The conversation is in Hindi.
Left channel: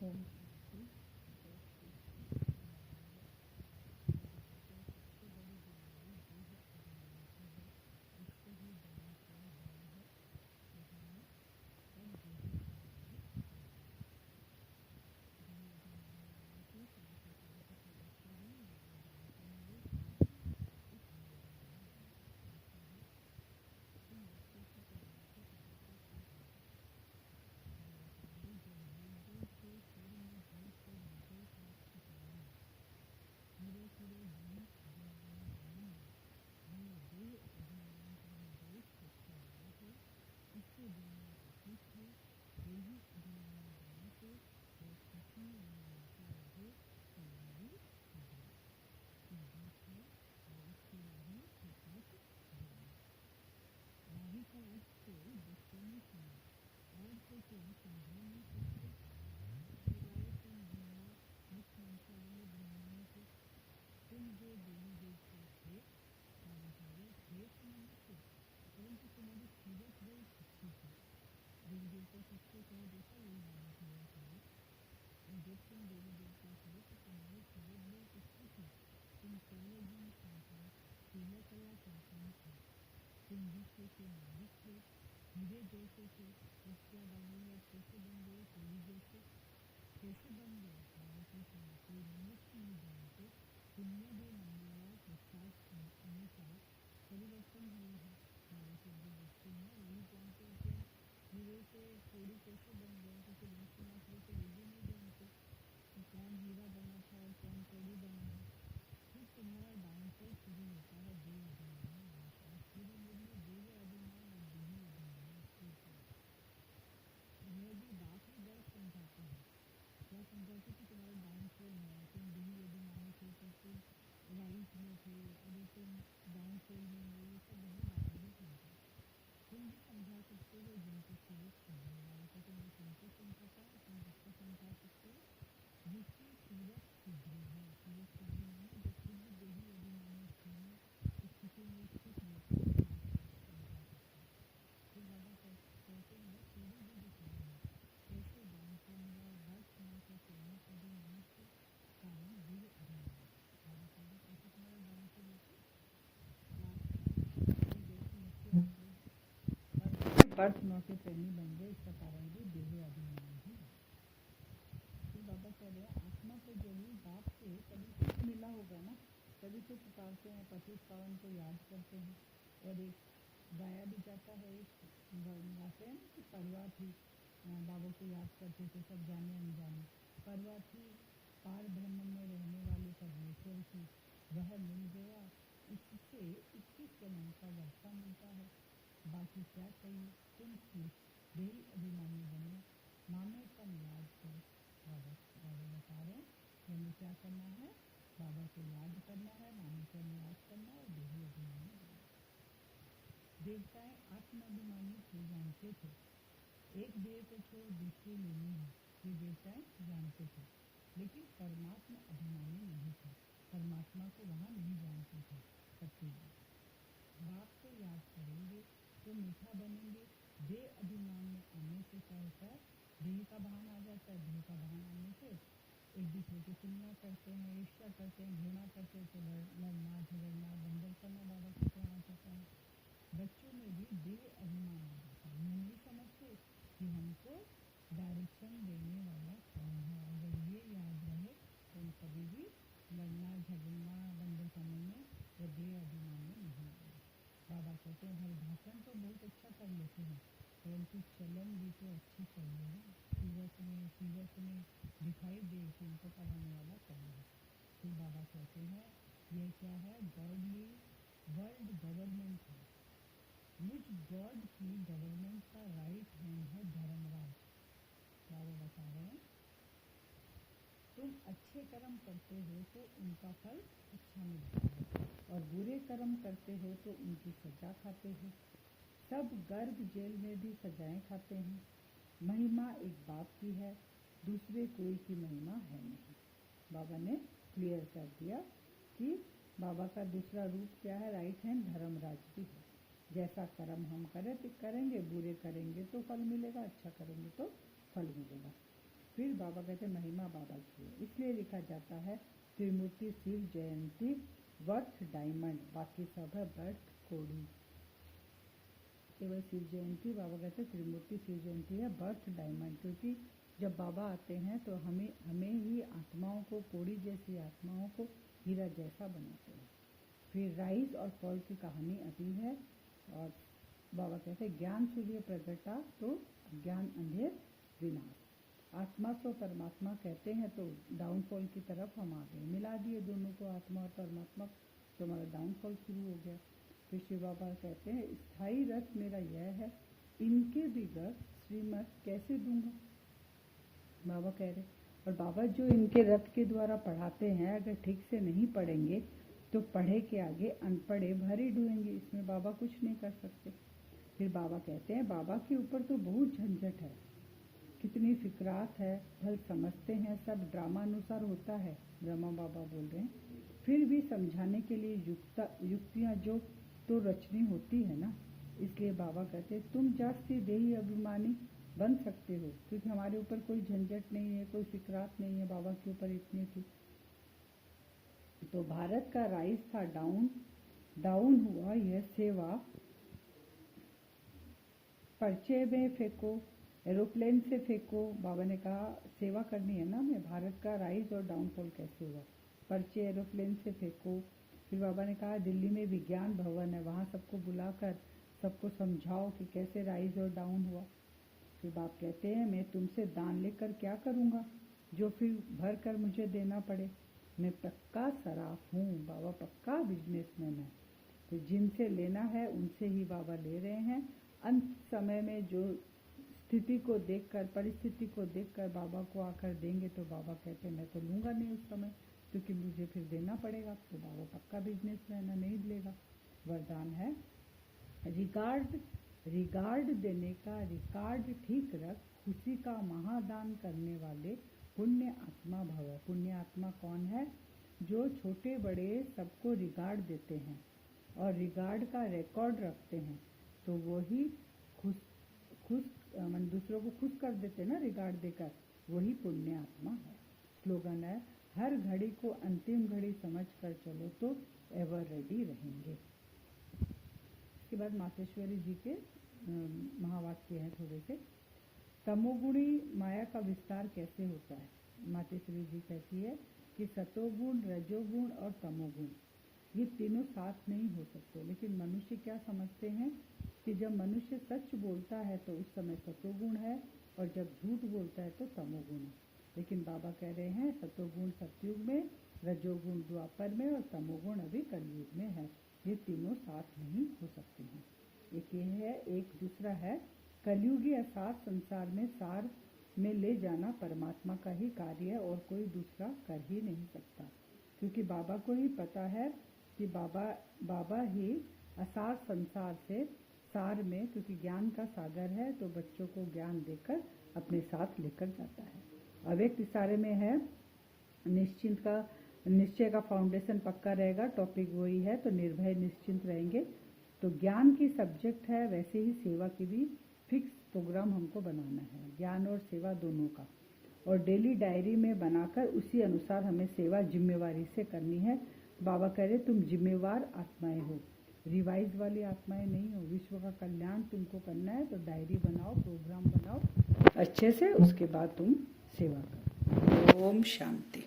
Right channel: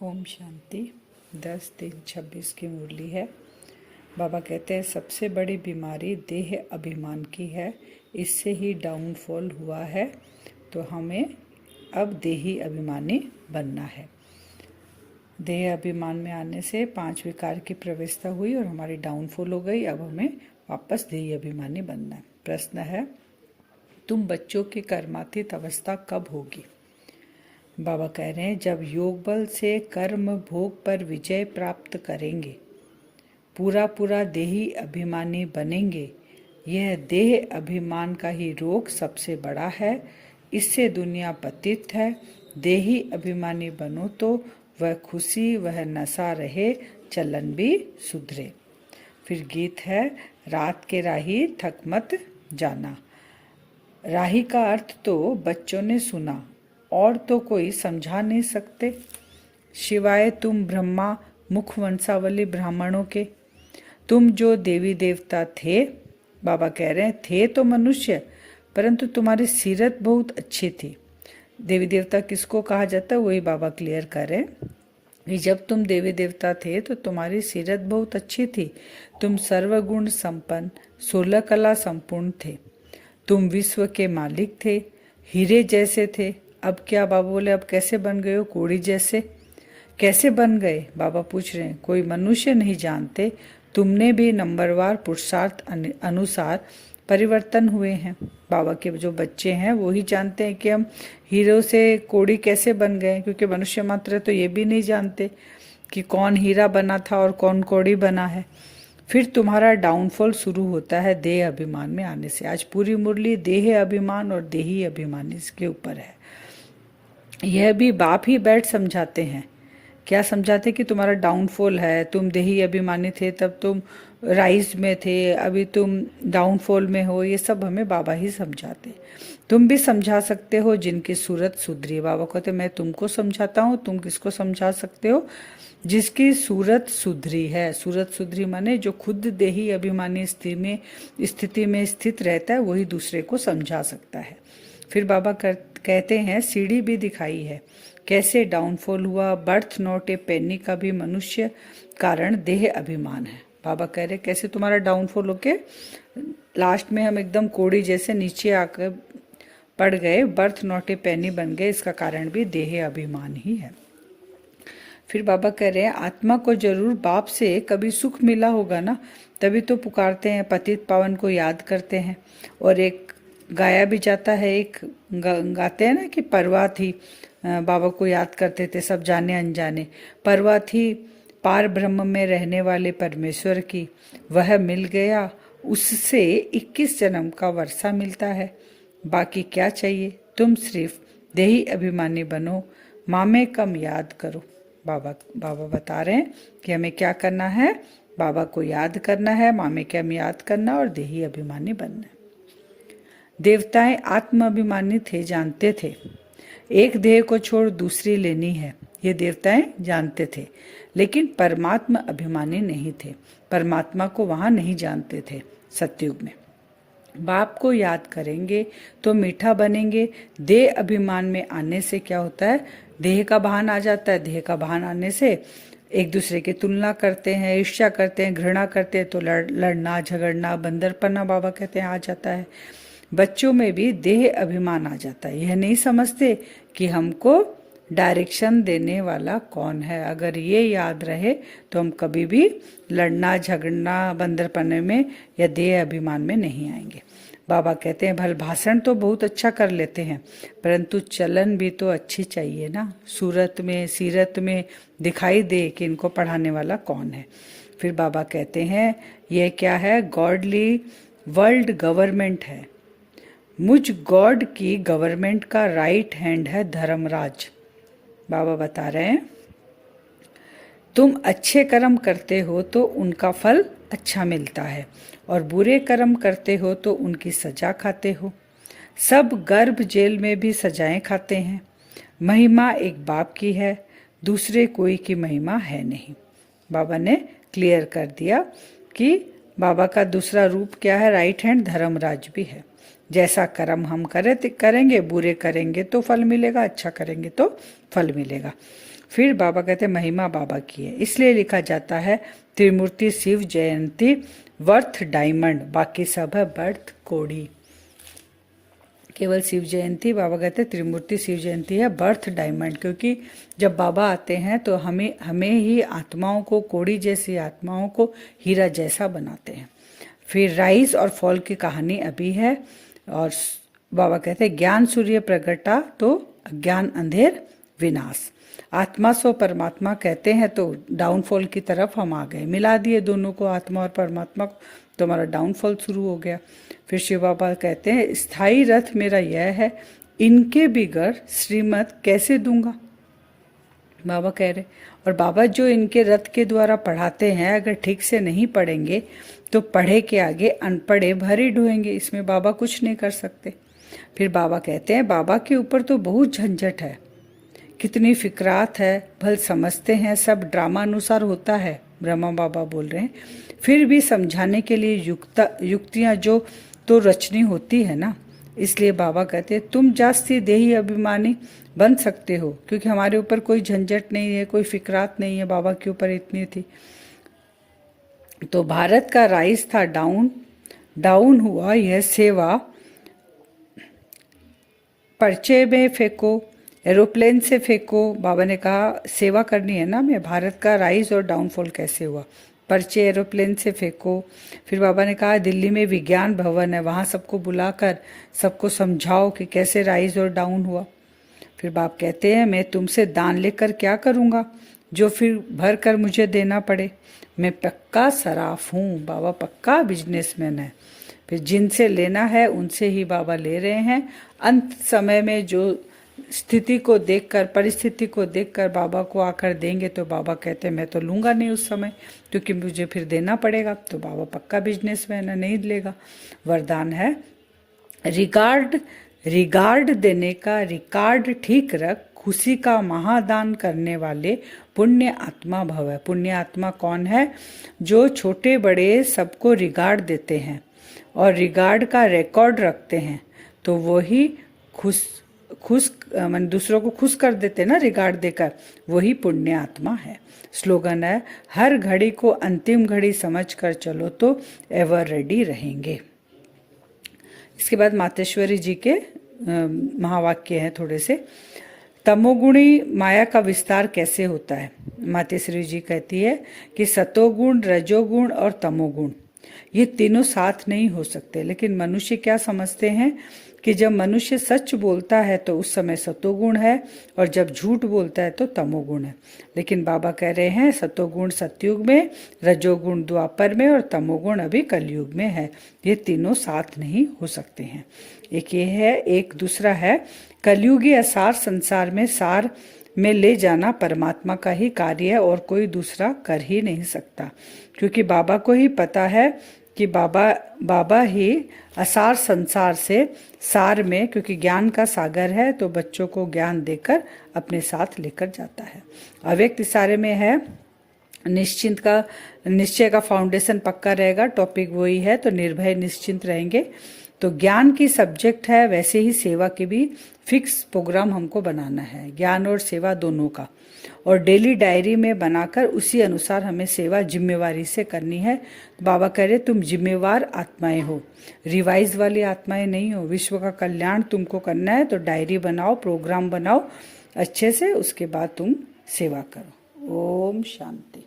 ओम शांति। 10-3-26 की मुरली है। बाबा कहते हैं सबसे बड़ी बीमारी देह अभिमान की है, इससे ही डाउनफॉल हुआ है। तो हमें अब देही अभिमानी बनना है। देह अभिमान में आने से 5 विकार की प्रवेशता हुई और हमारी डाउनफॉल हो गई। अब हमें वापस देही अभिमानी बनना है। प्रश्न है, तुम बच्चों की कर्मातीत अवस्था कब होगी? बाबा कह रहे हैं जब योग बल से कर्म भोग पर विजय प्राप्त करेंगे, पूरा देही अभिमानी बनेंगे। यह देह अभिमान का ही रोग सबसे बड़ा है, इससे दुनिया पतित है। देही अभिमानी बनो तो वह खुशी, वह नशा रहे, चलन भी सुधरे। फिर गीत है, रात के राही थक मत जाना। राही का अर्थ तो बच्चों ने सुना और तो कोई समझा नहीं सकते, शिवाय तुम ब्रह्मा मुख वंशावली ब्राह्मणों के। तुम जो देवी देवता थे, बाबा कह रहे हैं थे तो मनुष्य, परंतु तुम्हारी सीरत बहुत अच्छी थी। देवी देवता किसको कहा जाता है वही बाबा क्लियर कर रहे हैं। जब तुम देवी देवता थे तो तुम्हारी सीरत बहुत अच्छी थी। तुम सर्वगुण संपन्न, 16 कला संपूर्ण थे। तुम विश्व के मालिक थे, हीरे जैसे थे। अब क्या? बाबा बोले अब कैसे बन गए हो? कोड़ी जैसे। कैसे बन गए? बाबा पूछ रहे हैं। कोई मनुष्य नहीं जानते। तुमने भी नंबरवार पुरुषार्थ अनुसार परिवर्तन हुए हैं। बाबा के जो बच्चे हैं वो ही जानते हैं कि हम हीरो से कोड़ी कैसे बन गए, क्योंकि मनुष्य मात्र तो ये भी नहीं जानते कि कौन हीरा बना था और कौन कोड़ी बना है। फिर तुम्हारा डाउनफॉल शुरू होता है देह अभिमान में आने से। आज पूरी मुरली देह अभिमान और देही अभिमान इसके ऊपर है। यह भी बाप ही बैठ समझाते हैं। क्या समझाते कि तुम्हारा डाउनफॉल है, तुम देही अभिमानी थे तब तुम राइज में थे, अभी तुम डाउनफॉल में हो। ये सब हमें बाबा ही समझाते। तुम भी समझा सकते हो जिनकी सूरत सुधरी। बाबा कहते मैं तुमको समझाता हूँ, तुम किसको समझा सकते हो? जिसकी सूरत सुधरी है। सूरत सुधरी माने जो खुद देही अभिमानी स्थिति में स्थित रहता है वही दूसरे को समझा सकता है। फिर बाबा कहते हैं सीढ़ी भी दिखाई है, कैसे डाउनफॉल हुआ। बर्थ नॉट ए पेनी का भी मनुष्य कारण देह अभिमान है। बाबा कह रहे कैसे तुम्हारा डाउनफॉल होके लास्ट में हम एकदम कोड़ी जैसे नीचे आकर पड़ गए, बर्थ नॉट ए पेनी बन गए, इसका कारण भी देह अभिमान ही है। फिर बाबा कह रहे हैं आत्मा को जरूर बाप से कभी सुख मिला होगा ना, तभी तो पुकारते हैं, पतित पावन को याद करते हैं। और एक गाया भी जाता है, एक गाते हैं ना कि परवा थी, बाबा को याद करते थे सब जाने अनजाने। परवा थी पार ब्रह्म में रहने वाले परमेश्वर की, वह मिल गया, उससे 21 जन्म का वर्षा मिलता है। बाकी क्या चाहिए? तुम सिर्फ देही अभिमानी बनो, माँ में कम याद करो। बाबा बता रहे हैं कि हमें क्या करना है, बाबा को याद करना है, माँ में कम याद करना और देही अभिमानी बनना है। देवताएं आत्म अभिमानी थे, जानते थे एक देह को छोड़ दूसरी लेनी है, ये देवताएं जानते थे। लेकिन परमात्मा अभिमानी नहीं थे, परमात्मा को वहां नहीं जानते थे। सतयुग में बाप को याद करेंगे तो मीठा बनेंगे। देह अभिमान में आने से क्या होता है? देह का भान आ जाता है। देह का भान आने से एक दूसरे की तुलना करते हैं, ईर्ष्या करते हैं, घृणा करते हैं, तो लड़ना झगड़ना बंदरपना बाबा कहते हैं आ जाता है। बच्चों में भी देह अभिमान आ जाता है। यह नहीं समझते कि हमको डायरेक्शन देने वाला कौन है। अगर ये याद रहे तो हम कभी भी लड़ना झगड़ना बंदरपने में या देह अभिमान में नहीं आएंगे। बाबा कहते हैं भल भाषण तो बहुत अच्छा कर लेते हैं, परंतु चलन भी तो अच्छी चाहिए ना, सूरत में सीरत में दिखाई दे कि इनको पढ़ाने वाला कौन है। फिर बाबा कहते हैं यह क्या है? गॉडली वर्ल्ड गवर्नमेंट है। मुझ गॉड की गवर्नमेंट का राइट हैंड है धर्मराज। बाबा बता रहे हैं तुम अच्छे कर्म करते हो तो उनका फल अच्छा मिलता है, और बुरे कर्म करते हो तो उनकी सजा खाते हो। सब गर्भ जेल में भी सजाएं खाते हैं। महिमा एक बाप की है, दूसरे कोई की महिमा है नहीं। बाबा ने क्लियर कर दिया कि बाबा का दूसरा रूप क्या है? राइट हैंड धर्मराज भी है। जैसा कर्म हम करेंगे, बुरे करेंगे तो फल मिलेगा, अच्छा करेंगे तो फल मिलेगा। फिर बाबा कहते हैं महिमा बाबा की है, इसलिए लिखा जाता है त्रिमूर्ति शिव जयंती वर्थ डायमंड, बाकी सब है बर्थ कोड़ी। केवल शिव जयंती, बाबा कहते हैं त्रिमूर्ति शिव जयंती है बर्थ डायमंड, क्योंकि जब बाबा आते हैं तो हमें ही आत्माओं को, कोड़ी जैसी आत्माओं को हीरा जैसा बनाते हैं। फिर राइज और फॉल की कहानी अभी है, और बाबा कहते हैं ज्ञान सूर्य प्रगटा तो अज्ञान अंधेर विनाश। आत्मा सो परमात्मा कहते हैं, तो डाउनफॉल की तरफ हम आ गए, मिला दिए दोनों को, आत्मा और परमात्मा को, तो हमारा डाउनफॉल शुरू हो गया। फिर शिव बाबा कहते हैं स्थायी रथ मेरा यह है, इनके बिगड़ श्रीमत कैसे दूंगा, बाबा कह रहे। और बाबा जो इनके रथ के द्वारा पढ़ाते हैं, अगर ठीक से नहीं पढ़ेंगे तो पढ़े के आगे अनपढ़े भरे ढोएंगे, इसमें बाबा कुछ नहीं कर सकते। फिर बाबा कहते हैं बाबा के ऊपर तो बहुत झंझट है, कितनी फिक्रात है, भल समझते हैं सब ड्रामा अनुसार होता है, ब्रह्मा बाबा बोल रहे हैं। फिर भी समझाने के लिए युक्तियाँ जो तो रचनी होती है ना, इसलिए बाबा कहते हैं तुम जास्ती देही अभिमानी बन सकते हो, क्योंकि हमारे ऊपर कोई झंझट नहीं है, कोई फिक्रात नहीं है, बाबा के ऊपर इतनी थी। तो भारत का राइज था डाउन हुआ, यह सेवा पर्चे में फेंको, एरोप्लेन से फेंको। बाबा ने कहा सेवा करनी है ना, मैं भारत का राइज और डाउनफॉल कैसे हुआ, पर्चे एरोप्लेन से फेंको। फिर बाबा ने कहा दिल्ली में विज्ञान भवन है, वहाँ सबको बुलाकर सबको समझाओ कि कैसे राइज और डाउन हुआ। फिर बाप कहते हैं मैं तुमसे दान लेकर क्या करूँगा, जो फिर भर कर मुझे देना पड़े, मैं पक्का सराफ हूँ, बाबा पक्का बिजनेसमैन है। फिर जिनसे लेना है उनसे ही बाबा ले रहे हैं। अंत समय में जो स्थिति को देखकर, परिस्थिति को देखकर बाबा को आकर देंगे, तो बाबा कहते हैं मैं तो लूँगा नहीं उस समय, क्योंकि मुझे फिर देना पड़ेगा। तो बाबा पक्का बिजनेसमैन है, नहीं लेगा। वरदान है रिगार्ड देने का रिकॉर्ड ठीक रख, खुशी का महादान करने वाले पुण्य आत्मा भव है। पुण्य आत्मा कौन है, जो छोटे बड़े सबको रिगार्ड देते हैं और रिगार्ड का रिकॉर्ड रखते हैं, तो वही खुश दूसरों को खुश कर देते ना रिगार्ड देकर, वही पुण्य आत्मा है। स्लोगन है हर घड़ी को अंतिम घड़ी समझकर चलो तो एवर रेडी रहेंगे। इसके बाद मातेश्वरी जी के महावाक्य हैं थोड़े से। तमोगुणी माया का विस्तार कैसे होता है। मातेश्वरी जी कहती है कि सतोगुण, रजोगुण और तमोगुण ये तीनों साथ नहीं हो सकते। लेकिन मनुष्य क्या समझते हैं कि जब मनुष्य सच बोलता है तो उस समय सतोगुण है, और जब झूठ बोलता है तो तमोगुण है। लेकिन बाबा कह रहे हैं सतोगुण सतयुग में, रजोगुण द्वापर में और तमोगुण अभी कलयुग में है। ये तीनों साथ नहीं हो सकते हैं। एक ये है, एक दूसरा है कलयुगी असार संसार में सार में ले जाना परमात्मा का ही कार्य है, और कोई दूसरा कर ही नहीं सकता। क्योंकि बाबा को ही पता है कि बाबा ही असार संसार से सार में, क्योंकि ज्ञान का सागर है, तो बच्चों को ज्ञान देकर अपने साथ लेकर जाता है। अव्यक्त इशारे में है निश्चय का फाउंडेशन पक्का रहेगा, टॉपिक वही है, तो निर्भय निश्चिंत रहेंगे। तो ज्ञान की सब्जेक्ट है, वैसे ही सेवा के भी फिक्स प्रोग्राम हमको बनाना है, ज्ञान और सेवा दोनों का, और डेली डायरी में बनाकर उसी अनुसार हमें सेवा जिम्मेवारी से करनी है। बाबा कह रहे तुम जिम्मेवार आत्माएं हो, रिवाइज वाली आत्माएं नहीं हो। विश्व का कल्याण तुमको करना है, तो डायरी बनाओ, प्रोग्राम बनाओ अच्छे से, उसके बाद तुम सेवा करो। ओम शांति।